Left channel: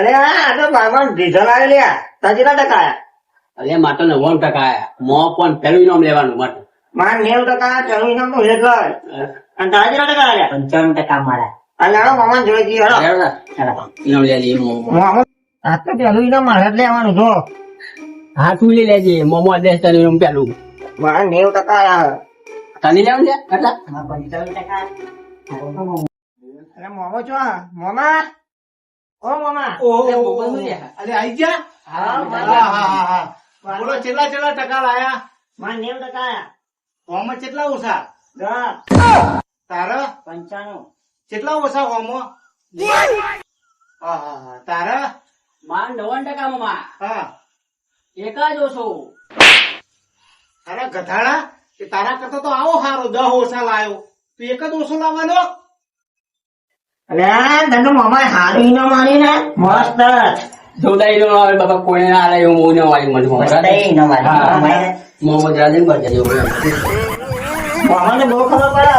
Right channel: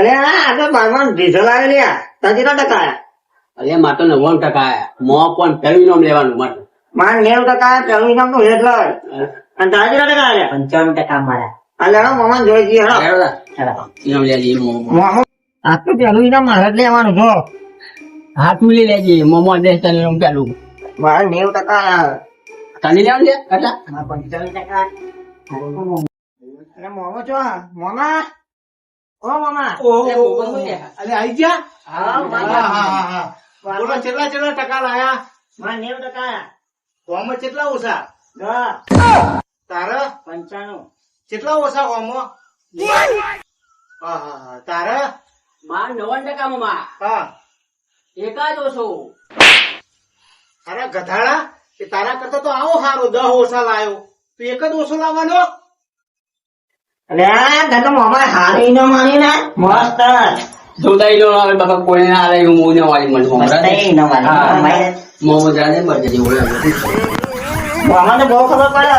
અરે આ તો મામા ડીઝલ આવે લ્યા તજીના ટકા અરે માટે 99% આયા મો પણ પેલું ઇનામ લેવાનું માટે માર 90% પેલું ઇનામ તો એટલે અને તાજીના ટકા આવ્યા 55% મારા. અલ્યા મામા જોઈ જઈએ હેડો ઇનામ લે જઈએ મામા આ તો પેલું ઇનામ મારે જ લેવાનું છો હા તું લઈ લેજે મોમો 10 તને ઇનામ પેલું મારે 90% આવ્યા તને લેવાનું છે કેટલા મારા 55%. અરે મામા છો મામા ઓ મામા અરે આઈ ગયા હા હા બોલો કેટલા ટકા લાયા મારે 90% આવ્યા હોમમાં કેટલા ઓછા 10 તારા 95 કેટલા ઓછા હોમમાં હા તારા માં 90% માં હા એક જ ઓછો તારા ગધાડા એ તારા કરતા તો આવો સારો 10 ઓછા લાયો તું એક જ ઓછો લાવવાનો અલ્યા તને તો મામા હારી ઇનામ આલી ને મસ્ત જોદાઈ નો આવે બાપા કોઈને ના આલે હું મોને વાળી મને મસ્ત ઇનામ આલી. મોહમ્મદ રાજા બર્થડે જેવું મામાને બહુ ખબર પડે